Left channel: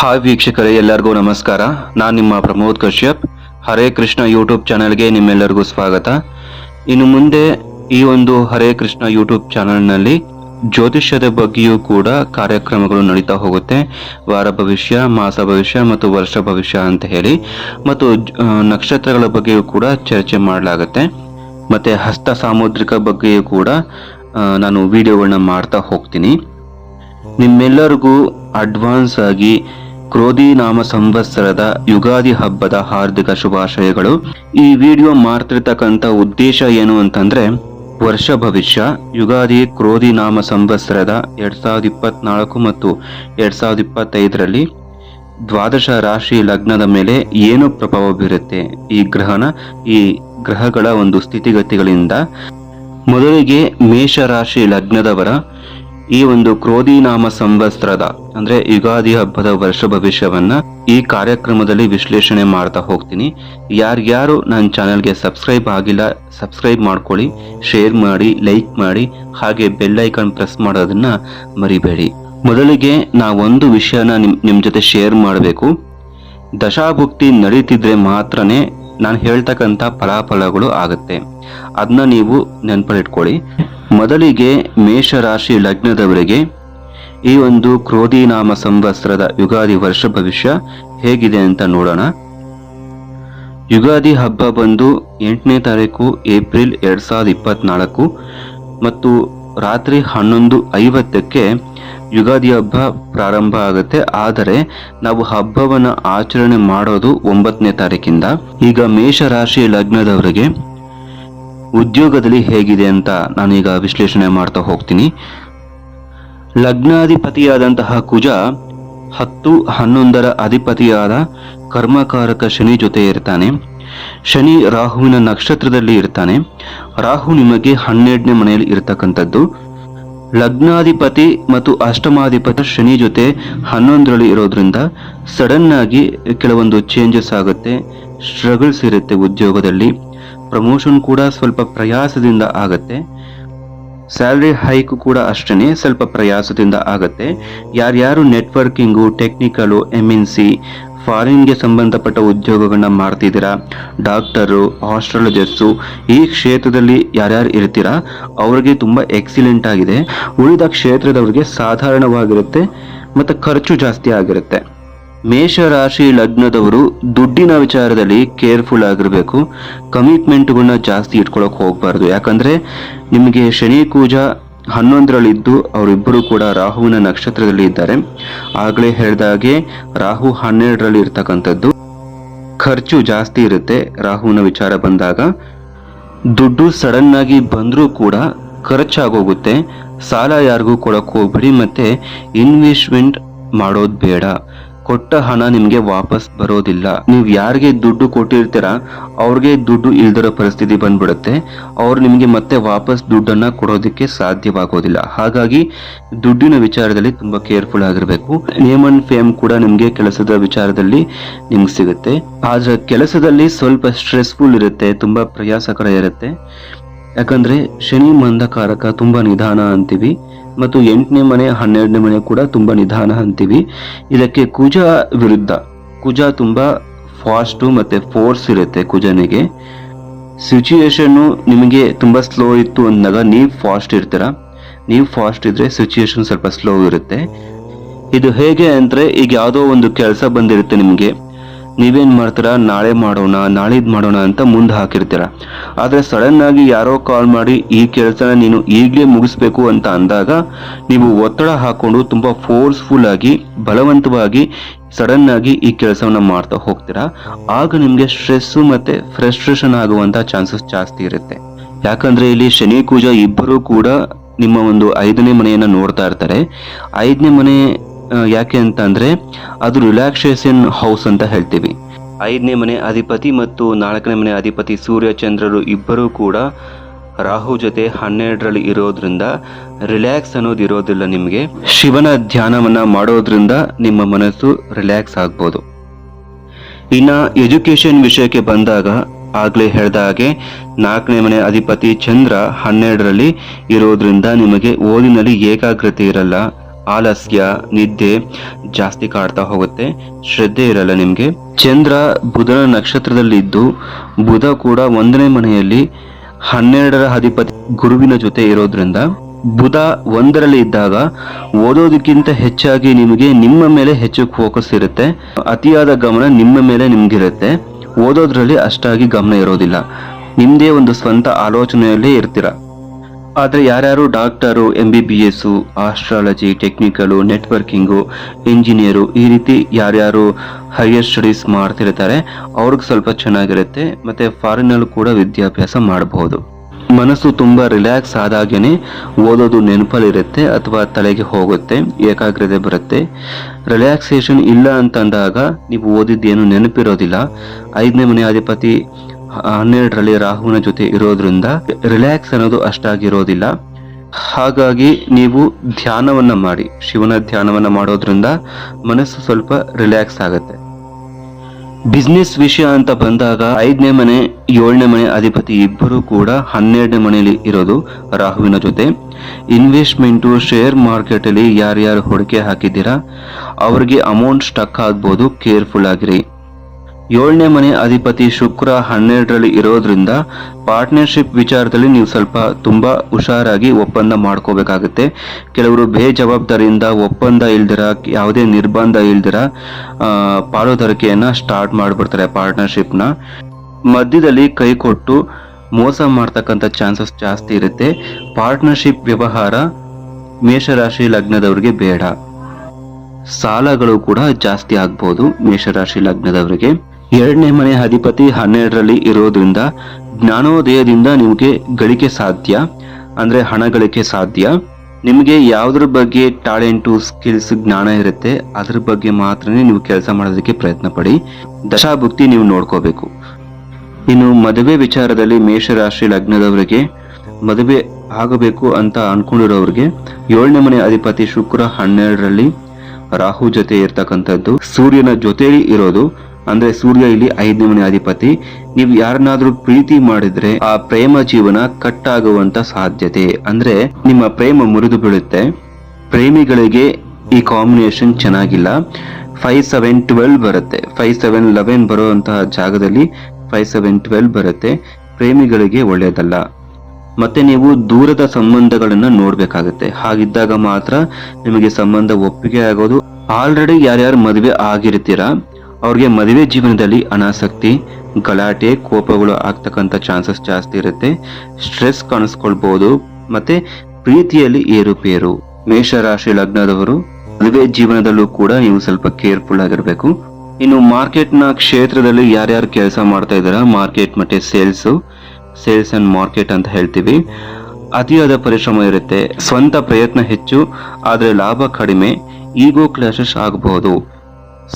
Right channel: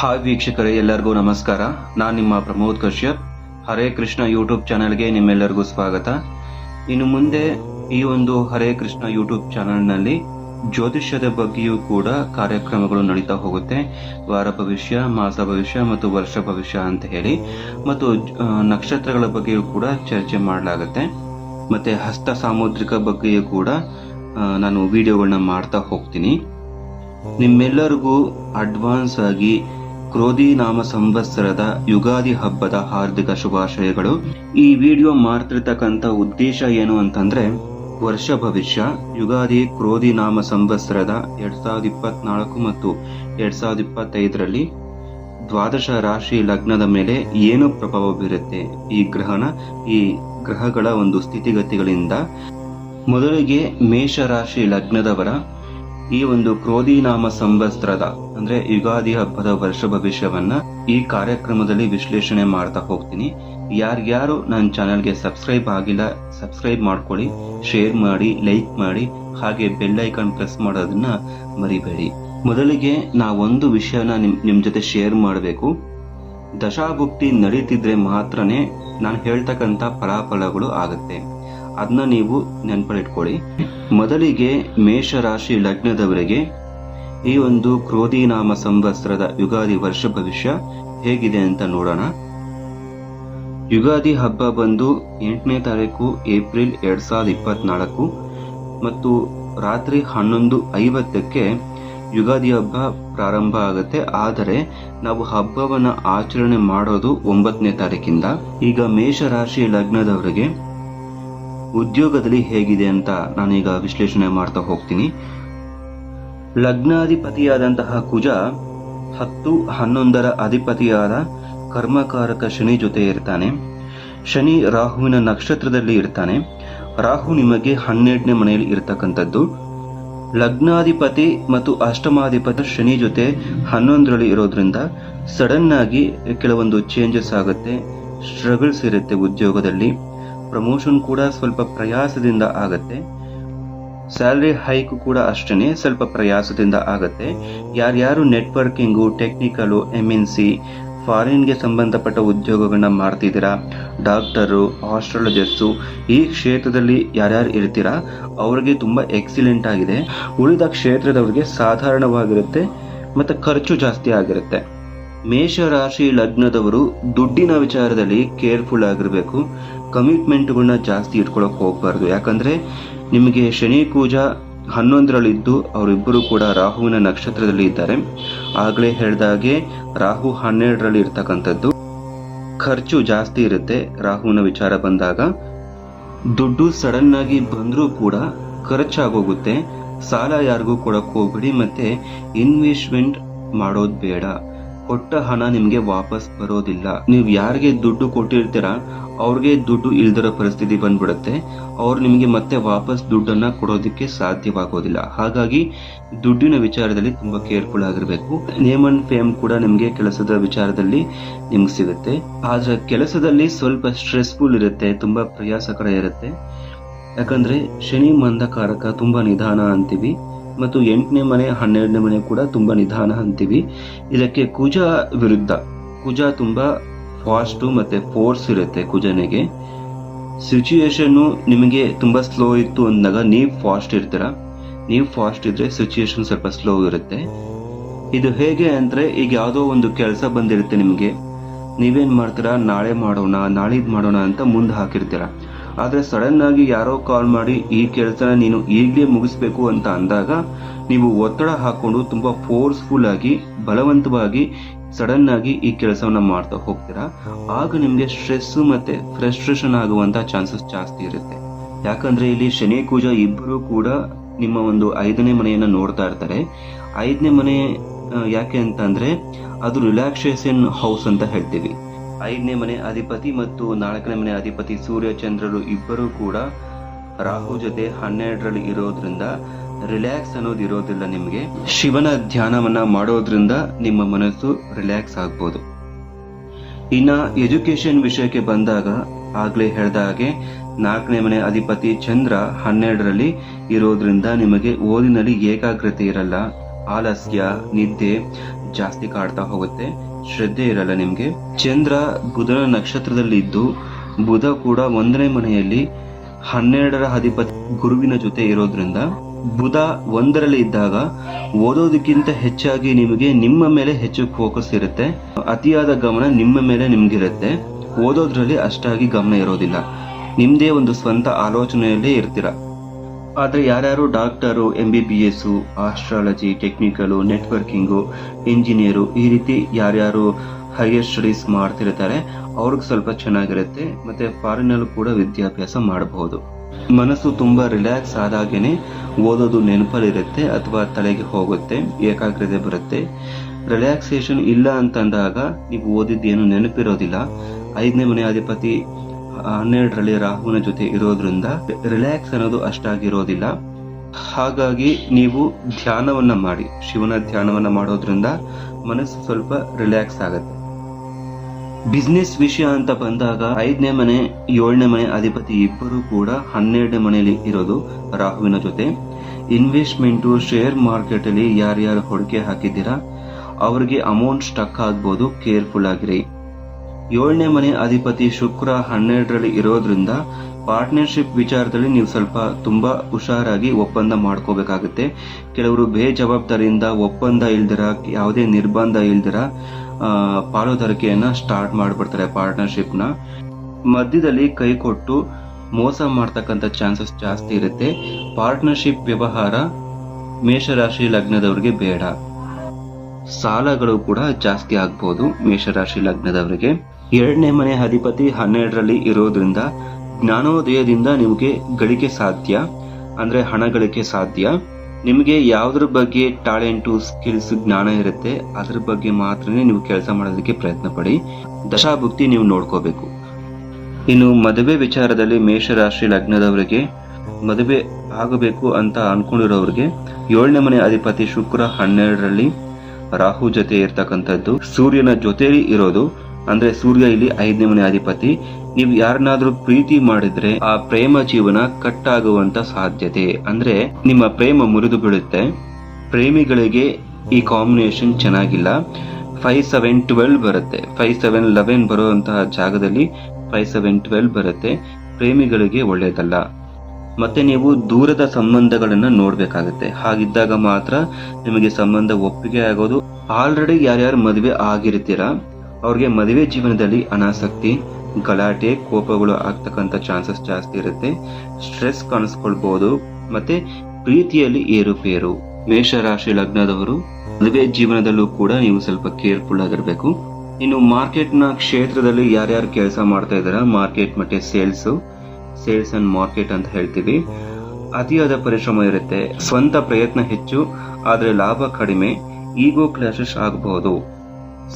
Hi ವೀಕ್ಷಕರೇ, ಎಲ್ಲರಿಗೂ ನಮಸ್ಕಾರ. ನಾನು ನಿಮ್ಮ ಪ್ರಮೋದ್ ಕಶ್ಯಪ್. ಹರೇ ಕೃಷ್ಣ ಯೂಟ್ಯೂಬ್ ಚಾನಲ್ಗೆ ನಿಮ್ಮೆಲ್ಲರಿಗೂ ಸ್ವಾಗತ. ಇನ್ನು ಮುಂದೆ ಈ ಒಂದು ಹರೇ ಕೃಷ್ಣ ಯೂಟ್ಯೂಬ್ ಚಾನಲ್ನಲ್ಲಿ ಜ್ಯೋತಿಷ್ಯದ ಬಗ್ಗೆಯೂ ಕೂಡ ಕಾರ್ಯಕ್ರಮಗಳು ನಡೀತಾ ಹೋಗುತ್ತೆ. ವಾರ ಭವಿಷ್ಯ, ಮಾಸ ಭವಿಷ್ಯ ಮತ್ತು ವರ್ಷ ಭವಿಷ್ಯ ಅಂತ ಹೇಳಿ. ಮತ್ತು ನಕ್ಷತ್ರಗಳ ಬಗ್ಗೆಯೂ ಕೂಡ ಚರ್ಚೆ ಮಾಡಲಾಗುತ್ತೆ. ಮತ್ತೆ ಹಸ್ತ ಸಾಮುದ್ರಿಕ ಬಗ್ಗೆಯೂ ಕೂಡ ನಾನು ವಿಡಿಯೋಗಳನ್ನ ಮಾಡ್ತಾ ಹೋಗ್ತೀನಿ. ನಿಮ್ಮೆಲ್ಲರಿಗೂ ಅಡ್ವಾನ್ಸ್ ಆಗಿ ಕ್ರೋಧಿ ನಾಮ ಸಂವತ್ಸರದ ಯುಗಾದಿ ಹಬ್ಬದ ಹಾರ್ದಿಕ ಶುಭಾಶಯಗಳು. ಈ ವಿಡಿಯೋ ಮಾಡ್ತಿರ್ತಕ್ಕಂಥ ಉದ್ದೇಶ ಏನು ಅಂತಂದ್ರೆ, ವರ್ಷ ಭವಿಷ್ಯ, ಯುಗಾದಿ ಕ್ರೋಧಿ ನಾಮ ಸಂವತ್ಸರದ ಎರಡ್ ಸಾವಿರದ ಇಪ್ಪತ್ನಾಲ್ಕು ಮತ್ತು ಎರಡ್ ಸಾವಿರದ ಇಪ್ಪತ್ತೈದರಲ್ಲಿ ದ್ವಾದಶ ರಾಶಿ ಲಗ್ನದ ಮೇಲೆ ಏನು ಪ್ರಭಾವ ಬೀರುತ್ತೆ? ಈ ಗ್ರಹನ, ಈ ಗ್ರಹಗಳ ಒಂದು ಸ್ಥಿತಿಗತಿಗಳಿಂದ. ಮೊದಲಿಗೆ ಮೇಷ ರಾಶಿ ಲಗ್ನದವರ ಈ ಒಂದು ಕ್ರೋಧಿ ನಾಮ ಸಂವತ್ಸರದ ಅಂದ್ರೆ ಯುಗಾದಿ ಹಬ್ಬದ ವರ್ಷ ಭವಿಷ್ಯವನ್ನ ಈ ಕಾರ್ಯಕ್ರಮದಲ್ಲಿ ವಿಶ್ಲೇಷಣೆ ಮಾಡ್ತಾ ಹೋಗ್ತೀನಿ. ಯಾರ್ಯಾರು ನನ್ನ ಚಾನೆಲ್ಗೆ ಸಬ್ಸ್ಕ್ರೈಬ್ ಆಗಿಲ್ಲ, ಸಬ್ಸ್ಕ್ರೈಬ್ ಮಾಡ್ಕೊಳ್ಳಿ, ಶೇರ್ ಮಾಡಿ, ಲೈಕ್ ಮಾಡಿ, ಹಾಗೆ ಬೆಲ್ ಐಕಾನ್ ಪ್ರೆಸ್ ಮಾಡೋದನ್ನ ಮರಿಬೇಡಿ. ಮೊದಲಿಗೆ ನಾವೊಂದು ವಿಷಯನ ನಿಮ್ ನಿಮ್ ಜೊತೆ ಶೇರ್ ಮಾಡಬೇಕು. ದಶಾಭುಕ್ತಿ ನಡೀತಿದ್ರೆ ಮಾತ್ರನೇ ನಾನು ಹೇಳ್ತಕ್ಕಂಥ ಫಲಾಫಲಗಳು ಆಗುತ್ತೆ. ಅದನ್ನ ನೀವು ನೆನಪಲ್ಲಿಟ್ಕೊಳ್ಳಿ. ಮೊದಲಿಗೆ ಮೇಷರಾಶಿ ಲಗ್ನದವರಿಗೆ ಈ ಒಂದು ಕ್ರೋಧಿನಾಮ ಸಂವತ್ಸರದ ಯುಗಾದಿ ವರ್ಷ ಭವಿಷ್ಯ ಹೇಗಿದೆ ಅಂತ ನೋಡೋಣ. ಯುಗಾದಿ ಹಬ್ಬ ಬಂದು ಎಂಟನೇ ತಾರೀಕು ಏಪ್ರಿಲ್ ಎರಡ್ ಸಾವಿರದ ಇಪ್ಪತ್ನಾಲ್ಕು ಮತ್ತು ರಾತ್ರಿ ಹನ್ನೊಂದು ಐವತ್ತಕ್ಕೆ ಯುಗಾದಿ ಹಬ್ಬ ಪ್ರಾರಂಭ ಆಗುತ್ತೆ. ಆದರೆ ನಾವು ಹಬ್ಬವನ್ನ ಆಚರಣೆ ಮಾಡೋದು ಒಂಬತ್ತನೇ ತಾರೀಕಿಂದ. ಈಗ ಮೇಷರಾಶಿ ಲಗ್ನದವರಿಗೆ ಉದ್ಯೋಗದಲ್ಲಿ ಹೇಗಿದೆ ಅಂತ ನಾನೀಗ ವಿಶ್ಲೇಷಣೆ ಮಾಡ್ತಾ ಹೋಗ್ತೀನಿ. ಲಗ್ನಾಧಿಪತಿಯಾದಂತಹ ಕುಜ ಹತ್ತು, ಹನ್ನೊಂದರ ಅಧಿಪತಿಯಾದ ಕರ್ಮಕಾರಕ ಶನಿ ಜೊತೆ ಇರ್ತಾನೆ. ಶನಿ ರಾಹುವಿನ ನಕ್ಷತ್ರದಲ್ಲಿ ಇರ್ತಾನೆ. ರಾಹು ನಿಮಗೆ ಹನ್ನೆರಡನೇ ಮನೆಯಲ್ಲಿ ಇರ್ತಕ್ಕಂಥದ್ದು. ಲಗ್ನಾಧಿಪತಿ ಮತ್ತು ಅಷ್ಟಮಾಧಿಪತಿ ಶನಿ ಜೊತೆ ಹನ್ನೊಂದರಲ್ಲಿ ಇರೋದ್ರಿಂದ ಸಡನ್ ಆಗಿ ಕೆಲವೊಂದು ಚೇಂಜಸ್ ಆಗುತ್ತೆ. ಸ್ಟ್ರಗಲ್ಸ್ ಇರುತ್ತೆ ಉದ್ಯೋಗದಲ್ಲಿ. ಪ್ರಮೋಷನ್ ಕೂಡ ಸ್ವಲ್ಪ ಪ್ರಯಾಸದಿಂದ ಆಗತ್ತೆ. ಸ್ಯಾಲ್ರಿ ಹೈಕ್ ಕೂಡ ಅಷ್ಟೇ ಸ್ವಲ್ಪ ಪ್ರಯಾಸದಿಂದ ಆಗತ್ತೆ. ಯಾರ್ಯಾರು networking technical M N C ಫಾರಿನ್ಗೆ ಸಂಬಂಧಪಟ್ಟ ಉದ್ಯೋಗಗಳನ್ನ ಮಾಡ್ತಿದ್ದೀರಾ? ಡಾಕ್ಟರು ಆಸ್ಟ್ರಾಲಜಿಸ್ಟು ಈ ಕ್ಷೇತ್ರದಲ್ಲಿ ಯಾರ್ಯಾರು ಇರ್ತೀರಾ? ಅವ್ರಿಗೆ ತುಂಬ ಎಕ್ಸಿಲೆಂಟ್ ಆಗಿದೆ. ಉಳಿದ ಕ್ಷೇತ್ರದವ್ರಿಗೆ ಸಾಧಾರಣವಾಗಿರುತ್ತೆ ಮತ್ತು ಖರ್ಚು ಜಾಸ್ತಿ ಆಗಿರುತ್ತೆ. ಮೇಷರಾಶಿ ಲಗ್ನದವರು ದುಡ್ಡಿನ ವಿಚಾರದಲ್ಲಿ ಕೇರ್ಫುಲ್ ಆಗಿರಬೇಕು. ಕಮಿಟ್ಮೆಂಟ್ಗಳನ್ನ ಜಾಸ್ತಿ ಇಟ್ಕೊಳಕ್ಕೆ ಹೋಗಬಾರ್ದು. ಯಾಕಂದರೆ ನಿಮಗೆ ಶನಿ, ಕೂಜ ಹನ್ನೊಂದರಲ್ಲಿದ್ದು ಅವರಿಬ್ಬರು ಕೂಡ ರಾಹುವಿನ ನಕ್ಷತ್ರದಲ್ಲಿ ಇದ್ದಾರೆ. ಆಗಲೇ ಹೇಳಿದಾಗೆ ರಾಹು ಹನ್ನೆರಡರಲ್ಲಿ ಇರ್ತಕ್ಕಂಥದ್ದು. ಖರ್ಚು ಜಾಸ್ತಿ ಇರುತ್ತೆ ರಾಹುವಿನ ವಿಚಾರ ಬಂದಾಗ. ದುಡ್ಡು ಸಡನ್ ಆಗಿ ಬಂದರೂ ಕೂಡ ಖರ್ಚಾಗೋಗುತ್ತೆ. ಸಾಲ ಯಾರಿಗೂ ಕೊಡಕ್ಕೆ ಹೋಗ್ಬೇಡಿ, ಮತ್ತೆ ಇನ್ವೆಸ್ಟ್ಮೆಂಟ್ ಮಾಡೋದು ಬೇಡ. ಕೊಟ್ಟ ಹಣ ನಿಮ್ಗೆ ವಾಪಸ್ ಬರೋದಿಲ್ಲ. ನೀವು ಯಾರಿಗೆ ದುಡ್ಡು ಕೊಟ್ಟಿರ್ತೀರ, ಅವ್ರಿಗೆ ದುಡ್ಡು ಇಲ್ದಿರೋ ಪರಿಸ್ಥಿತಿ ಬಂದ್ಬಿಡುತ್ತೆ. ಅವ್ರು ನಿಮಗೆ ಮತ್ತೆ ವಾಪಸ್ ದುಡ್ಡನ್ನ ಕೊಡೋದಕ್ಕೆ ಸಾಧ್ಯವಾಗೋದಿಲ್ಲ. ಹಾಗಾಗಿ ದುಡ್ಡಿನ ವಿಚಾರದಲ್ಲಿ ತುಂಬಾ ಕೇರ್ಫುಲ್ ಆಗಿರಬೇಕು. ನೇಮ್ ಅಂಡ್ ಫೇಮ್ ಕೂಡ ನಿಮ್ಗೆ ಕೆಲಸದ ವಿಚಾರದಲ್ಲಿ ನಿಮ್ಗೆ ಸಿಗುತ್ತೆ. ಆದ್ರೆ ಕೆಲಸದಲ್ಲಿ ಸ್ವಲ್ಪ ಸ್ಟ್ರೆಸ್ಫುಲ್ ಇರುತ್ತೆ, ತುಂಬಾ ಪ್ರಯಾಸಕರ ಇರುತ್ತೆ. ಯಾಕಂದ್ರೆ ಶನಿ ಮಂದಕಾರಕ ತುಂಬಾ ನಿಧಾನ ಅಂತೀವಿ. ಮತ್ತು ಎಂಟನೇ ಮನೆ, ಹನ್ನೆರಡನೇ ಮನೆ ಕೂಡ ತುಂಬಾ ನಿಧಾನ ಅಂತೀವಿ. ಇದಕ್ಕೆ ಕುಜ ವಿರುದ್ಧ. ಕುಜ ತುಂಬಾ ಫಾಸ್ಟು ಮತ್ತೆ ಫೋರ್ಸ್ ಇರುತ್ತೆ ಕುಜನಿಗೆ. ಸಿಚುಯೇಷನ್ನು ನಿಮಗೆ ತುಂಬಾ ಸ್ಲೋ ಇತ್ತು ಅಂದಾಗ ನೀವು ಫಾಸ್ಟ್ ಇರ್ತೀರ? ನೀವು ಫಾಸ್ಟ್ ಇದ್ರೆ ಸಿಚುಯೇಷನ್ ಸ್ವಲ್ಪ ಸ್ಲೋ ಇರುತ್ತೆ. ಇದು ಹೇಗೆ ಅಂದ್ರೆ ಈಗ ಯಾವುದೋ ಒಂದು ಕೆಲಸ ಬಂದಿರುತ್ತೆ ನಿಮಗೆ. ನೀವೇನ್ ಮಾಡ್ತೀರಾ? ನಾಳೆ ಮಾಡೋಣ, ನಾಳಿದ್ ಮಾಡೋಣ ಅಂತ ಮುಂದೆ ಹಾಕಿರ್ತೀರ. ಆದ್ರೆ ಸಡನ್ ಆಗಿ ಯಾರೋ ಕಾಲ್ ಮಾಡಿ ಈ ಕೆಲಸನ ನೀನು ಈಗಲೇ ಮುಗಿಸ್ಬೇಕು ಅಂತ ಅಂದಾಗ ನೀವು ಒತ್ತಡ ಹಾಕೊಂಡು ತುಂಬಾ ಫೋರ್ಸ್ಫುಲ್ ಆಗಿ, ಬಲವಂತವಾಗಿ ಸಡನ್ ಆಗಿ ಈ ಕೆಲಸವನ್ನ ಮಾಡ್ತಾ ಹೋಗ್ತೀರಾ? ಆಗ ನಿಮಗೆ ಸ್ಟ್ರೆಸ್ ಮತ್ತೆ ಫ್ರಸ್ಟ್ರೇಷನ್ ಆಗುವಂತ ಚಾನ್ಸಸ್ ಜಾಸ್ತಿ ಇರುತ್ತೆ. ಯಾಕಂದ್ರೆ ಇಲ್ಲಿ ಶನಿ, ಕೂಜ ಇಬ್ಬರು ಕೂಡ ನಿಮ್ಮ ಒಂದು ಐದನೇ ಮನೆಯನ್ನ ನೋಡ್ತಾ ಇರ್ತಾರೆ. ಐದನೇ ಮನೆ ಯಾಕೆ ಅಂತ ಅಂದ್ರೆ ಅದು ರಿಲ್ಯಾಕ್ಸೇಷನ್ ಹೌಸ್ ಅಂತ ಹೇಳ್ತೀವಿ. ಐದನೇ ಮನೆ ಅಧಿಪತಿ ಮತ್ತು ನಾಲ್ಕನೇ ಮನೆ ಅಧಿಪತಿ ಸೂರ್ಯ, ಚಂದ್ರರು ಇಬ್ಬರೂ ಕೂಡ ರಾಹು ಜೊತೆ ಹನ್ನೆರಡರಲ್ಲಿ ಇರೋದ್ರಿಂದ ರಿಲ್ಯಾಕ್ಸ್ ಅನ್ನೋದು ಇರೋದಿಲ್ಲ ನಿಮಗೆ. ಶಿವನ ಧ್ಯಾನವನ್ನ ಮಾಡೋದ್ರಿಂದ ನಿಮ್ಮ ಮನಸ್ಸು ರಿಲ್ಯಾಕ್ಸ್ ಆಗ್ಬೋದು. ಇನ್ನ ಎಜುಕೇಶನ್ ವಿಷಯಕ್ಕೆ ಬಂದಾಗ ಆಗ್ಲೇ ಹೇಳ್ದ ಹಾಗೆ ನಾಲ್ಕನೇ ಮನೆ ಅಧಿಪತಿ ಚಂದ್ರ ಹನ್ನೆರಡರಲ್ಲಿ ಇರೋದ್ರಿಂದ ನಿಮಗೆ ಓದಿನಲ್ಲಿ ಏಕಾಗ್ರತೆ ಇರಲ್ಲ. ಆಲಸ್ಯ, ನಿದ್ದೆ ಜಾಸ್ತಿ ಕಾಡ್ತಾ ಹೋಗುತ್ತೆ. ಶ್ರದ್ಧೆ ಇರಲ್ಲ ನಿಮ್ಗೆ. ಚಂದ್ರ ಬುಧನ ನಕ್ಷತ್ರದಲ್ಲಿದ್ದು ಬುಧ ಕೂಡ ಒಂದನೇ ಮನೆಯಲ್ಲಿ ಹನ್ನೆರಡರ ಅಧಿಪತಿ ಗುರುವಿನ ಜೊತೆ ಇರೋದ್ರಿಂದ, ಬುಧ ಒಂದರಲ್ಲಿ ಇದ್ದಾಗ ಓದೋದಕ್ಕಿಂತ ಹೆಚ್ಚಾಗಿ ನಿಮಗೆ ನಿಮ್ಮ ಮೇಲೆ ಹೆಚ್ಚು ಫೋಕಸ್ ಇರುತ್ತೆ. ಅತಿಯಾದ ಗಮನ ನಿಮ್ಮ ಮೇಲೆ ನಿಮ್ಗಿರುತ್ತೆ. ಓದೋದ್ರಲ್ಲಿ ಅಷ್ಟಾಗಿ ಗಮನ ಇರೋದಿಲ್ಲ. ನಿಮ್ದೇ ಒಂದು ಸ್ವಂತ ಆಲೋಚನೆಯಲ್ಲೇ ಇರ್ತೀರ. ಆದರೆ ಯಾರ್ಯಾರು doctor M B B S astrology, technical, networking, engineer ಈ ರೀತಿ ಯಾರ್ಯಾರು ಹೈಯರ್ ಸ್ಟಡೀಸ್ ಮಾಡ್ತಿರ್ತಾರೆ, ಅವ್ರಿಗೆ ಸ್ವಲ್ಪ ಚೆನ್ನಾಗಿರುತ್ತೆ, ಮತ್ತು ಫಾರಿನಲ್ಲೂ ಕೂಡ ವಿದ್ಯಾಭ್ಯಾಸ ಮಾಡಬಹುದು ಮನಸ್ಸು ತುಂಬ ರಿಲ್ಯಾಕ್ಸ್ ಆದಾಗೇನೆ ಓದೋದು ನೆನಪಲ್ಲಿರುತ್ತೆ ಅಥವಾ ತಲೆಗೆ ಹೋಗುತ್ತೆ, ಏಕಾಗ್ರತೆ ಬರುತ್ತೆ. ರಿಲ್ಯಾಕ್ಸೇಷನ್ ಇಲ್ಲ ಅಂತಂದಾಗ ನೀವು ಓದಿದ್ದೇನು ನೆನಪಿರೋದಿಲ್ಲ. ಐದನೇ ಮನೆ ಅಧಿಪತಿ ಹನ್ನೆರಡರಲ್ಲಿ ರಾಹುವಿನ ಜೊತೆ ಇರೋದ್ರಿಂದ ರಿಲ್ಯಾಕ್ಸ್ ಅನ್ನೋದು ಅಷ್ಟಾಗಿರೋದಿಲ್ಲ. ಹಾಗಾಗಿ ನೀವು ಧ್ಯಾನವನ್ನ ಮಾಡಿ. ಶಿವನ ಧ್ಯಾನವನ್ನ ಮಾಡೋದ್ರಿಂದ ಮನಸ್ಸು ಸ್ವಲ್ಪ ರಿಲ್ಯಾಕ್ಸ್ ಆಗುತ್ತೆ. ಬಿಸ್ನೆಸ್ ವಿಷಯ ಅಂತ ಬಂದಾಗ ಐದನೇ ಮನೆ, ಏಳನೇ ಮನೆ ಅಧಿಪತಿ ಇಬ್ಬರು ಕೂಡ ಹನ್ನೆರಡನೇ ಮನೆಯಲ್ಲಿ ಇರೋದು ರಾಹುವಿನ ಜೊತೆ. ಇನ್ವೆಸ್ಟ್ಮೆಂಟು ಶೇರ್ ಮಾರ್ಕೆಟಲ್ಲಿ ಯಾರ್ಯಾರು ಹೂಡಿಕೆ ಹಾಕಿದ್ದೀರಾ, ಅವ್ರಿಗೆ ಅಮೌಂಟ್ ಸ್ಟಕ್ ಆಗ್ಬೋದು ಕೇರ್ಫುಲ್ ಆಗಿರಿ. ಏಳನೇ ಮನೆ ಅಧಿಪತಿ ಶುಕ್ರ ಹನ್ನೆರಡರಲ್ಲಿ ಇರೋದ್ರಿಂದ ಪಾರ್ಟ್ನರ್ಶಿಪ್ ವಿಚಾರದಲ್ಲಿ ನೀವು ಸ್ವಲ್ಪ ತುಂಬ ಹುಷಾರಾಗಿ ಒಪ್ಪಂದ ಮಾಡ್ಕೋಬೇಕಾಗುತ್ತೆ. ಕೆಲವರು ಬೇಜವಾಬ್ದಾರಿಯಿಂದ ಒಪ್ಪಂದ ಇಲ್ದಿರ, ಯಾವುದೇ ನಿರ್ಬಂಧ ಇಲ್ದಿರ ಪಾಲುದಾರಿಕೆಯನ್ನ ಸ್ಟಾರ್ಟ್ ಮಾಡಿಬಿಡ್ತಾರೆ ಪಾರ್ಟ್ನರ್ಶಿಪ್ನ ಮಧ್ಯದಲ್ಲಿ ಕೈ ಕೊಟ್ಟು ಮೋಸ ಮಾಡ್ತಕ್ಕಂಥ ಚಾನ್ಸಸ್ ಜಾಸ್ತಿ ಇರುತ್ತೆ. ಪಾರ್ಟ್ನರ್ಶಿಪ್ ವ್ಯವಹಾರ ಮೇಷರಾಶಿ ಲಗ್ನದವರಿಗೆ ಬೇಡ. ಸಾಲಗಳು ಕೂಡ ಜಾಸ್ತಿ ಆಗ್ಬೋದು ಮೇಷರಾಶಿ ಲಗ್ನದವರಿಗೆ. ಎರಡನೇ ಮನೆ ಅಧಿಪತಿ ಹನ್ನೆರಡರಲ್ಲಿ ಇರೋದ್ರಿಂದ ಜ್ಞಾನೋದಯದಿಂದ ನಿಮಗೆ ಗಳಿಕೆ ಸಾಧ್ಯ, ಅಂದ್ರೆ ಹಣ ಗಳಿಕೆ ಸಾಧ್ಯ. ನಿಮಗೆ ಯಾವುದ್ರ ಬಗ್ಗೆ ಟ್ಯಾಲೆಂಟು, ಸ್ಕಿಲ್ಸ್, ಜ್ಞಾನ ಇರುತ್ತೆ, ಅದ್ರ ಬಗ್ಗೆ ಮಾತ್ರನೇ ನೀವು ಕೆಲಸ ಮಾಡೋದಕ್ಕೆ ಪ್ರಯತ್ನ ಪಡಿ. ದಶಾಭುಕ್ತಿ ನೀವು ನೋಡ್ಕೋಬೇಕು. ಇನ್ನು ಮದುವೆ ವಿಚಾರದಲ್ಲಿ ಮೇಷರಾಶಿ ಲಗ್ನದವರಿಗೆ ಮದುವೆ ಆಗಬೇಕು ಅಂತ ಅನ್ಕೊಂಡಿರೋರಿಗೆ ಏಳನೇ ಮನೆ ಅಧಿಪತಿ ಶುಕ್ರ ಹನ್ನೆರಡರಲ್ಲಿ ರಾಹು ಜೊತೆ ಇರ್ತಕ್ಕಂಥದ್ದು. ಸೂರ್ಯನ ಜೊತೆ ಇರೋದು. ಅಂದ್ರೆ ಸೂರ್ಯ ಇಲ್ಲಿ ಐದನೇ ಮನೆ ಅಧಿಪತಿ. ನೀವು ಯಾರನ್ನಾದ್ರೂ ಪ್ರೀತಿ ಮಾಡಿದ್ರೆ ಆ ಪ್ರೇಮ ಜೀವನ ಕಟ್ ಸಾಧ್ಯತೆ. ಅಂದ್ರೆ ನಿಮ್ಮ ಪ್ರೇಮ ಮುರಿದು ಬೀಳುತ್ತೆ. ಪ್ರೇಮಿಗಳಿಗೆ ಈ ಕಾಂಬಿನೇಷನ್ ಚೆನ್ನಾಗಿಲ್ಲ. ಫೈವ್ ಸೆವೆನ್ ಟ್ವೆಲ್ ಬರುತ್ತೆ. ಫೈವ್ ಸೆವೆನ್ ಲೆವೆನ್ ಬರುವಂತಹ ಜಾಗದಲ್ಲಿ ಫೈವ್ ಸೆವೆನ್ ಟ್ವೆಲ್ ಬರುತ್ತೆ. ಪ್ರೇಮಿಗಳಿಗೆ ಒಳ್ಳೆಯದಲ್ಲ. ಮತ್ತೆ ನೀವು ದೂರದ ಸಂಬಂಧಗಳನ್ನ ನೋಡ್ಬೇಕಾಗುತ್ತೆ. ಹಾಗಿದ್ದಾಗ ಮಾತ್ರ ನಿಮಗೆ ಸಂಬಂಧ ಒಪ್ಪಿಗೆ ಆಗೋದು. ಆಲ್ರೆಡಿ ಯಾರ್ಯಾರು ಮದುವೆ ಆಗಿರ್ತೀರಾ? ಅವ್ರಿಗೆ ಮದುವೆ ಜೀವನದಲ್ಲಿ ಅನಾಸಕ್ತಿ, ಗಲಾಟೆ, ಕೋಪಗಳು ಆಗ್ತಕ್ಕಂಥ ಚಾನ್ಸಸ್ ಜಾಸ್ತಿ ಇರುತ್ತೆ. ಸ್ಟ್ರೆಸ್ ಕಾಣಿಸ್ಕೊಳ್ಬಹುದು ಮತ್ತೆ ಪ್ರೀತಿಯಲ್ಲಿ ಏರುಪೇರು. ಮೇಷರಾಶಿ ಲಗ್ನದವರು ಮದುವೆ ಜೀವನದಲ್ಲೂ ಕೂಡ ನೀವು ಸ್ವಲ್ಪ ಕೇರ್ಫುಲ್ ಆಗಿರಬೇಕು. ಇನ್ನು ಮಾರ್ಕೆಟ್ನ ಕ್ಷೇತ್ರದಲ್ಲಿ ಯಾರ್ಯಾರು ಕೆಲಸ ಮಾಡ್ತಾ ಇದಾರ ಮಾರ್ಕೆಟ್ ಮತ್ತೆ ಸೇಲ್ಸ್ ಸೇಲ್ಸ್ ಅಂಡ್ ಮಾರ್ಕೆಟ್ ಅಂತ ಹೇಳ್ತೀವಿ. ಅತಿಯಾದ ಪರಿಶ್ರಮ ಇರುತ್ತೆ. ಸ್ವಂತ ಪ್ರಯತ್ನ ಹೆಚ್ಚು, ಆದರೆ ಲಾಭ ಕಡಿಮೆ ಈಗೋ ಕ್ಲಾಶಸ್ ಆಗಬಹುದು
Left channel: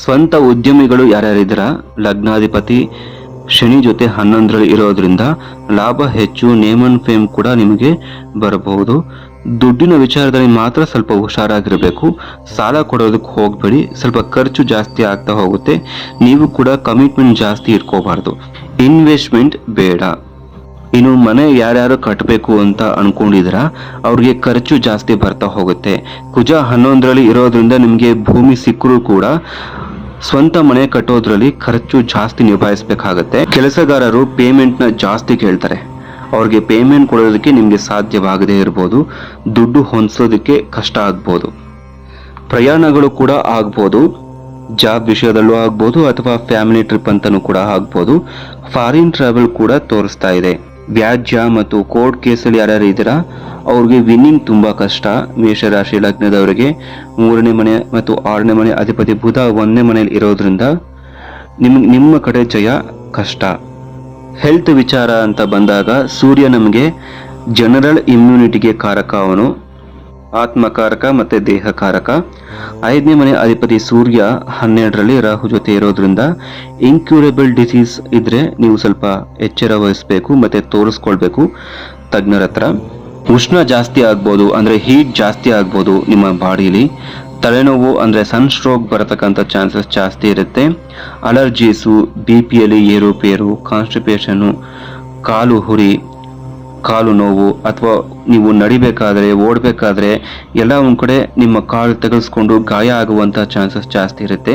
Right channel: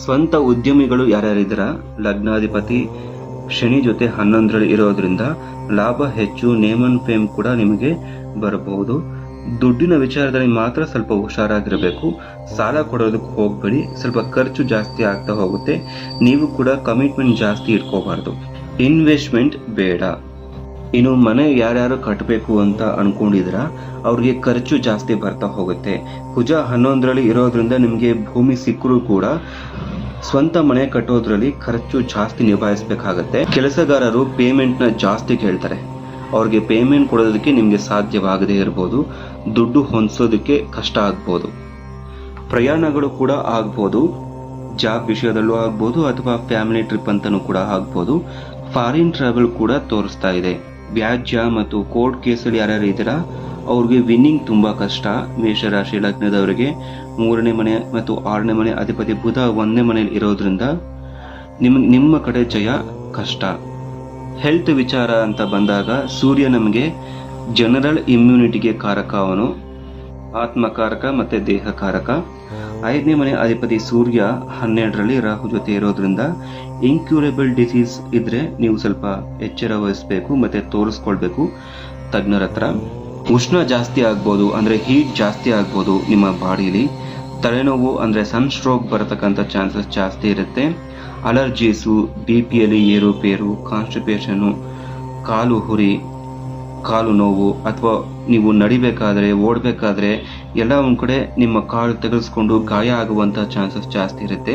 ಸ್ವಂತ ಉದ್ಯಮಿಗಳು ಯಾರ್ಯಾರಿದ್ದೀರ ಲಗ್ನಾಧಿಪತಿ ಶನಿ ಜೊತೆ ಹನ್ನೊಂದರಲ್ಲಿ ಇರೋದ್ರಿಂದ ಲಾಭ ಹೆಚ್ಚು ನೇಮ್ ಅಂಡ್ ಫೇಮ್ ಕೂಡ ನಿಮಗೆ ಬರಬಹುದು. ದುಡ್ಡಿನ ವಿಚಾರದಲ್ಲಿ ಮಾತ್ರ ಸ್ವಲ್ಪ ಹುಷಾರಾಗಿರಬೇಕು. ಸಾಲ ಕೊಡೋದಕ್ಕೆ ಹೋಗಬೇಡಿ. ಸ್ವಲ್ಪ ಖರ್ಚು ಜಾಸ್ತಿ ಆಗ್ತಾ ಹೋಗುತ್ತೆ. ನೀವು ಕೂಡ ಕಮಿಟ್ಮೆಂಟ್ ಜಾಸ್ತಿ ಇಟ್ಕೋಬಾರ್ದು. ಇನ್ವೆಸ್ಟ್ಮೆಂಟ್ ಬೇಡ. ಇನ್ನು ಮನೆ ಯಾರ್ಯಾರು ಕಟ್ಟಬೇಕು ಅಂತ ಅನ್ಕೊಂಡಿದ್ರ ಅವ್ರಿಗೆ ಖರ್ಚು ಜಾಸ್ತಿ ಬರ್ತಾ ಹೋಗುತ್ತೆ. ಕುಜ ಹನ್ನೊಂದರಲ್ಲಿ ಇರೋದ್ರಿಂದ ನಿಮಗೆ ಭೂಮಿ ಸಿಕ್ಕರೂ ಕೂಡ ಸ್ವಂತ ಮನೆ ಕಟ್ಟೋದ್ರಲ್ಲಿ ಖರ್ಚು ಜಾಸ್ತಿ ನಿಭಾಯಿಸಬೇಕಾಗತ್ತೆ. ಕೆಲಸಗಾರರು ಪೇಮೆಂಟ್ನ ಜಾಸ್ತಿ ಕೇಳ್ತಾರೆ. ಅವ್ರಿಗೆ ಪೇಮೆಂಟ್ ಕೊಡೋದಕ್ಕೆ ನಿಮಗೆ ಸಾಧ್ಯವಾಗದೇ ಇರ್ಬೋದು. ದುಡ್ಡು ಹೊಂದಿಸೋದಕ್ಕೆ ಕಷ್ಟ ಆಗ್ಬೋದು. ಪ್ರಯಾಣಗಳು ಕೂಡ ಆಗ್ಬೋದು. ಜಾಬ್ ವಿಷಯದಲ್ಲೂ ಆಗ್ಬೋದು ಅಥವಾ ಫ್ಯಾಮಿಲಿ ಟ್ರಿಪ್ ಅಂತಲೂ ಕೂಡ ಆಗ್ಬೋದು. ಫಾರಿನ್ ಟ್ರಾವೆಲ್ ಕೂಡ ತೋರಿಸ್ತಾ ಇದೆ. ವ್ಯಾಜ್ಯ ಮತ್ತು ಕೋರ್ಟ್ ಕೇಸಲ್ಲಿ ಯಾರ್ಯಾರು ಇದ್ದೀರಾ? ಅವ್ರಿಗೆ ವಿನ್ನಿಂಗ್ ತುಂಬಾ ಕಷ್ಟ. ಮೇಷರಾಶಿ ಲಗ್ನದವರಿಗೆ ಮೂರನೇ ಮನೆ ಮತ್ತು ಆರನೇ ಮನೆ ಅಧಿಪತಿ ಬುಧ ಒಂದನೇ ಮನೆಯಲ್ಲಿ ಇರೋದ್ರಿಂದ ನಿಮ್, ನಿಮ್ಮ ಕಡೆ ಜಯ ಕಷ್ಟ. ಹೆಲ್ತ್ ವಿಚಾರ ಅಂತ ಬಂದಾಗ ಸೂರ್ಯ ನಮಗೆ ಜನರಲ್ ಇಮ್ಯುನಿಟಿಗೆ ಕಾರಕ ಅವನು. ಆತ್ಮಕಾರಕ ಮತ್ತೆ ದೇಹಕಾರಕ ಐದನೇ ಮನೆ ಅಧಿಪತಿ ಸೂರ್ಯ ಹನ್ನೆರಡರಲ್ಲಿ ರಾಹು ಜೊತೆ ಇರೋದ್ರಿಂದ ಇನ್ಕ್ಯೂರಬಲ್ ಡಿಸೀಸ್ ಇದ್ರೆ ನೀವು ಸ್ವಲ್ಪ ಎಚ್ಚರ ವಹಿಸಬೇಕು ಮತ್ತೆ ತೋರಿಸ್ಕೊಳ್ಬೇಕು ತಜ್ಞರ ಹತ್ರ. ಉಷ್ಣ ಜಾಸ್ತಿ ಆಗ್ಬೋದು ಅಂದ್ರೆ ಹೀಟ್ ಜಾಸ್ತಿ ಆಗ್ಬೋದು ನಿಮ್ಮ ಬಾಡಿಲಿ. ತಲೆನೋವು ಅಂದ್ರೆ ಸನ್ ಸ್ಟ್ರೋಕ್ ಬರತಕ್ಕಂಥ ಚಾನ್ಸಸ್ ಜಾಸ್ತಿ ಇರುತ್ತೆ. ಅಲರ್ಜೀಸು ಬಿ ಪಿಯಲ್ಲಿ ಏರುಪೇರು ಕಾನ್ಸ್ಟಿಪೇಷನ್ನು ಕಾಲು ಹುರಿ ಕಾಲು ನೋವು ಅಥವಾ ನೀವು ನಡಿಬೇಕಾದ್ರೆ, ಓಡಬೇಕಾದ್ರೆ ಎಲ್ಲ ಒಂದು ಕಡೆ ನಿಮ್ಮ ಕಾಲು ತೆಗೆಸ್ಕೊಂಡು ಗಾಯ ಆಗುವಂತ ಚಾನ್ಸಸ್ ಜಾಸ್ತಿ ಇರುತ್ತೆ.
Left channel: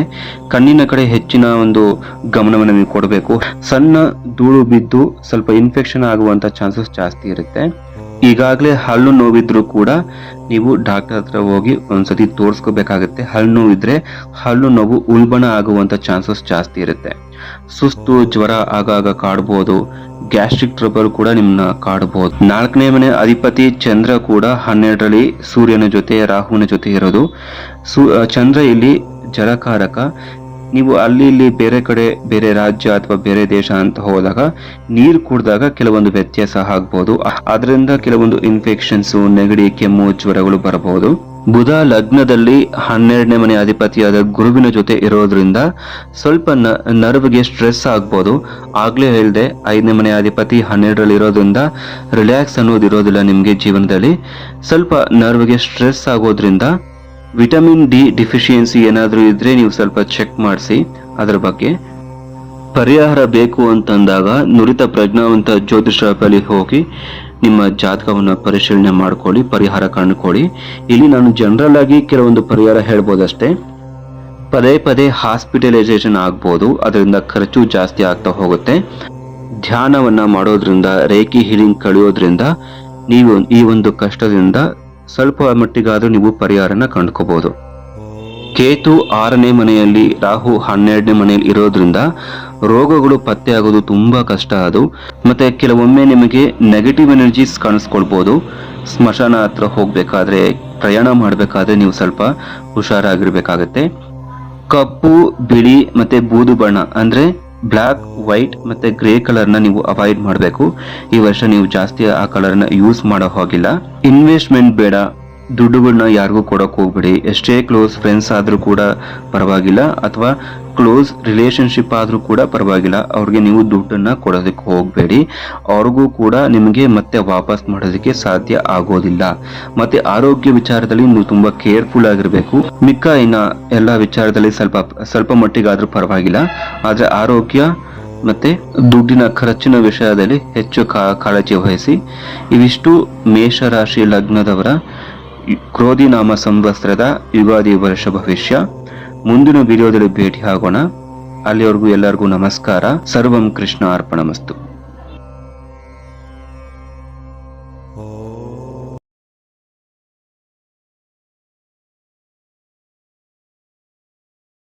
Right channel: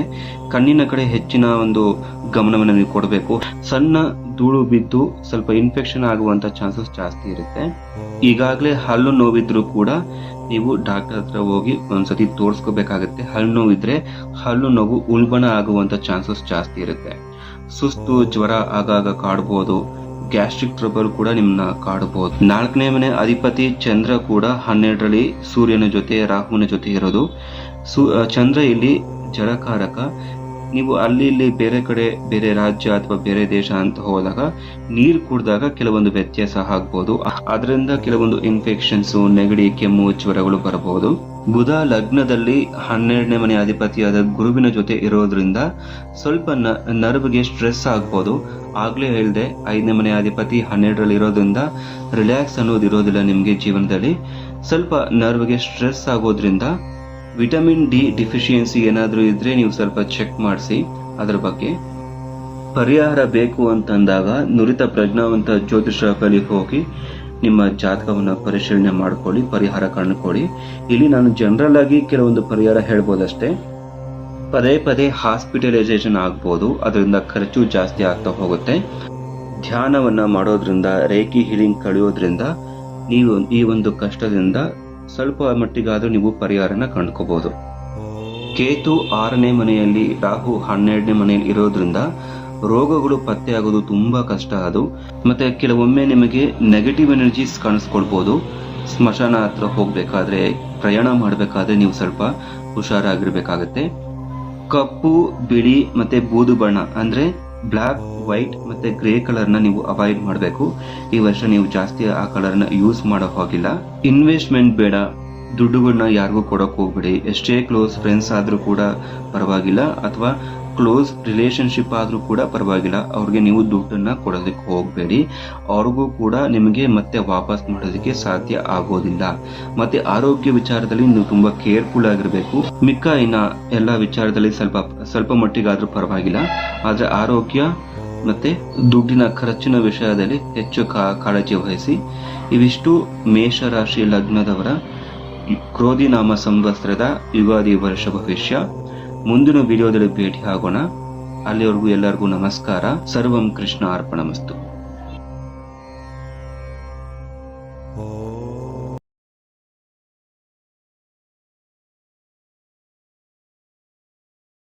ಕಣ್ಣಿನ ಕಡೆ ಹೆಚ್ಚಿನ ಒಂದು ಗಮನವನ್ನು ನೀವು ಕೊಡಬೇಕು. ಸಣ್ಣ ಧೂಳು ಬಿದ್ದು ಸ್ವಲ್ಪ ಇನ್ಫೆಕ್ಷನ್ ಆಗುವಂತ ಚಾನ್ಸಸ್ ಜಾಸ್ತಿ ಇರುತ್ತೆ. ಈಗಾಗಲೇ ಹಲ್ಲು ನೋವಿದ್ರು ಕೂಡ ನೀವು ಡಾಕ್ಟರ್ ಹತ್ರ ಹೋಗಿ ಒಂದ್ಸತಿ ತೋರಿಸ್ಕೋಬೇಕಾಗುತ್ತೆ. ಹಲ್ಲು ನೋವಿದ್ರೆ ಹಲ್ಲು ನೋವು ಉಲ್ಬಣ ಆಗುವಂತ ಚಾನ್ಸಸ್ ಜಾಸ್ತಿ ಇರುತ್ತೆ. ಸುಸ್ತು, ಜ್ವರ ಆಗಾಗ ಕಾಡ್ಬೋದು. ಗ್ಯಾಸ್ಟ್ರಿಕ್ ಟ್ರಬಲ್ ಕೂಡ ನಿಮ್ಮನ್ನ ಕಾಡಬಹುದು ನಾಲ್ಕನೇ ಮನೆ ಅಧಿಪತಿ ಚಂದ್ರ ಕೂಡ ಹನ್ನೆರಡರಲ್ಲಿ ಸೂರ್ಯನ ಜೊತೆ, ರಾಹುವಿನ ಜೊತೆ ಇರೋದು. ಸು ಚಂದ್ರ ಇಲ್ಲಿ ಜಲಕಾರಕ. ನೀವು ಅಲ್ಲಿ ಇಲ್ಲಿ ಬೇರೆ ಕಡೆ, ಬೇರೆ ರಾಜ್ಯ ಅಥವಾ ಬೇರೆ ದೇಶ ಅಂತ ಹೋದಾಗ ನೀರು ಕುಡಿದಾಗ ಕೆಲವೊಂದು ವ್ಯತ್ಯಾಸ ಆಗ್ಬೋದು. ಅದರಿಂದ ಕೆಲವೊಂದು ಇನ್ಫೆಕ್ಷನ್ಸ್ ನೆಗಡಿ, ಕೆಮ್ಮು, ಜ್ವರಗಳು ಬರಬಹುದು ಬುಧ ಲಗ್ನದಲ್ಲಿ ಹನ್ನೆರಡನೇ ಮನೆ ಅಧಿಪತಿಯಾದ ಗುರುವಿನ ಜೊತೆ ಇರೋದ್ರಿಂದ ಸ್ವಲ್ಪ ನರ್ವ್ಗೆ ಸ್ಟ್ರೆಸ್ ಆಗ್ಬೋದು. ಆಗ್ಲೇ ಹೇಳಿದೆ, ಐದನೇ ಮನೆ ಅಧಿಪತಿ ಹನ್ನೆರಡರಲ್ಲಿ ಇರೋದ್ರಿಂದ ರಿಲ್ಯಾಕ್ಸ್ ಅನ್ನೋದು ಇರೋದಿಲ್ಲ ನಿಮಗೆ ಜೀವನದಲ್ಲಿ. ಸ್ವಲ್ಪ ನರ್ವ್ಗೆ ಸ್ಟ್ರೆಸ್ ಆಗೋದ್ರಿಂದ ವಿಟಮಿನ್ ಡಿ ಡಿಫಿಷಿಯನ್ಸಿ ಏನಾದರೂ ಇದ್ರೆ ನೀವು ಸ್ವಲ್ಪ ಚೆಕ್ ಮಾಡಿಸಿ, ಅದರ ಬಗ್ಗೆ. ಪರಿಹಾರ ಬೇಕು ಅಂತಂದಾಗ ನುರಿತ ಪ್ರಜ್ಞಾವಂತ ಜ್ಯೋತಿಷ ಬಳಿ ಹೋಗಿ ನಿಮ್ಮ ಜಾತಕವನ್ನು ಪರಿಶೀಲನೆ ಮಾಡ್ಕೊಳ್ಳಿ, ಪರಿಹಾರ ಕಂಡುಕೊಳ್ಳಿ. ಇಲ್ಲಿ ನಾನು ಜನರಲ್ ಆಗಿ ಕೆಲವೊಂದು ಪರಿಹಾರ ಹೇಳ್ಬೋದಷ್ಟೇ. ಪದೇ ಪದೇ ಹಾಸ್ಪಿಟಲೈಸೇಷನ್ ಆಗ್ಬೋದು, ಅದರಿಂದ ಖರ್ಚು ಜಾಸ್ತಿ ಆಗ್ತಾ ಹೋಗುತ್ತೆ. ಧ್ಯಾನವನ್ನು ಮಾಡೋದ್ರಿಂದ, ರೇಖಿ ಹೀಲಿಂಗ್ ಕಳೆಯೋದ್ರಿಂದ, ನೀವು ಈ ಒಂದು ಕಷ್ಟದಿಂದ ಸ್ವಲ್ಪ ಮಟ್ಟಿಗಾದ್ರೂ ನೀವು ಪರಿಹಾರನ ಕಂಡುಕೋಬಹುದು ಕೇತು ಆರನೇ ಮನೆಯಲ್ಲಿ ರಾಹು ಹನ್ನೆರಡನೇ ಮನೆಯಲ್ಲಿ ಇರೋದ್ರಿಂದ ರೋಗಗಳು ಪತ್ತೆ ಆಗೋದು ತುಂಬಾ ಕಷ್ಟ ಅದು. ಮತ್ತೆ ಕೆಲವೊಮ್ಮೆ ನಿಮಗೆ ನೆಗೆಟಿವ್ ಎನರ್ಜೀಸ್ ಕಾಣಿಸ್ಕೊಳ್ಬಹುದು ಸ್ಮಶಾನ ಹತ್ರ ಹೋಗ್ಬೇಕಾದ್ರೆ, ಪ್ರಯಾಣ ಮಾಡಬೇಕಾದ್ರೆ ನೀವು ಸ್ವಲ್ಪ ಹುಷಾರಾಗಿರ್ಬೇಕಾಗತ್ತೆ. ಕಪ್ಪು, ಬಿಳಿ ಮತ್ತೆ ಬೂದು ಬಣ್ಣ ಅಂದ್ರೆ ಬ್ಲ್ಯಾಕ್ ವೈಟ್ ಮತ್ತೆ ಗ್ರೇ ಕಲರ್ನ ನೀವು ಅವಾಯ್ಡ್ ಮಾಡಬೇಕು. ಈ ವರ್ಷ ನೀವು ಜಾಸ್ತಿ ಆ ಕಲರ್ನ ಯೂಸ್ ಮಾಡೋ ಹಾಗಿಲ್ಲ. ಇನ್ವೆಸ್ಟ್ಮೆಂಟ್ ಬೇಡ. ದುಡ್ಡುಗಳನ್ನ ಯಾರಿಗೂ ಕೊಡೋಕೆ ಹೋಗ್ಬೇಡಿ. ಎಷ್ಟೇ ಕ್ಲೋಸ್ ಫ್ರೆಂಡ್ಸ್ ಆದರೂ ಕೂಡ ಪರವಾಗಿಲ್ಲ ಅಥವಾ ಕ್ಲೋಸ್ ರಿಲೇಷನ್ಶಿಪ್ ಆದರೂ ಕೂಡ ಪರವಾಗಿಲ್ಲ. ಅವ್ರಿಗೆ ನೀವು ದುಡ್ಡನ್ನು ಕೊಡೋದಕ್ಕೆ ಹೋಗಬೇಡಿ. ಅವ್ರಿಗೂ ಕೂಡ ನಿಮಗೆ ಮತ್ತೆ ವಾಪಸ್ ಮಾಡೋದಕ್ಕೆ ಸಾಧ್ಯ ಆಗೋದಿಲ್ಲ. ಮತ್ತೆ ಆರೋಗ್ಯ ವಿಚಾರದಲ್ಲಿ ನೀವು ತುಂಬ ಕೇರ್ಫುಲ್ ಆಗಿರಬೇಕು. ಮಿಕ್ಕ ಇನ್ನ ಎಲ್ಲ ವಿಚಾರದಲ್ಲಿ ಸ್ವಲ್ಪ ಸ್ವಲ್ಪ ಮಟ್ಟಿಗಾದರೂ ಪರವಾಗಿಲ್ಲ. ಆದರೆ ಆರೋಗ್ಯ ಮತ್ತೆ ದುಡ್ಡಿನ ಖರ್ಚಿನ ವಿಷಯದಲ್ಲಿ ಹೆಚ್ಚು ಕಾಳಜಿ ವಹಿಸಿ. ಇವಿಷ್ಟು ಮೇಷರಾಶಿ ಲಗ್ನದವರ ಕ್ರೋಧಿ ನಾಮ ಸಂವತ್ಸರದ ಯುಗಾದಿ ವರ್ಷ ಭವಿಷ್ಯ. ಮುಂದಿನ ವಿಡಿಯೋದಲ್ಲಿ ಭೇಟಿ ಆಗೋಣ. ಅಲ್ಲಿವರೆಗೂ ಎಲ್ಲರಿಗೂ ನಮಸ್ಕಾರ. ಸರ್ವಂ ಕೃಷ್ಣ ಅರ್ಪಣಮಸ್ತು.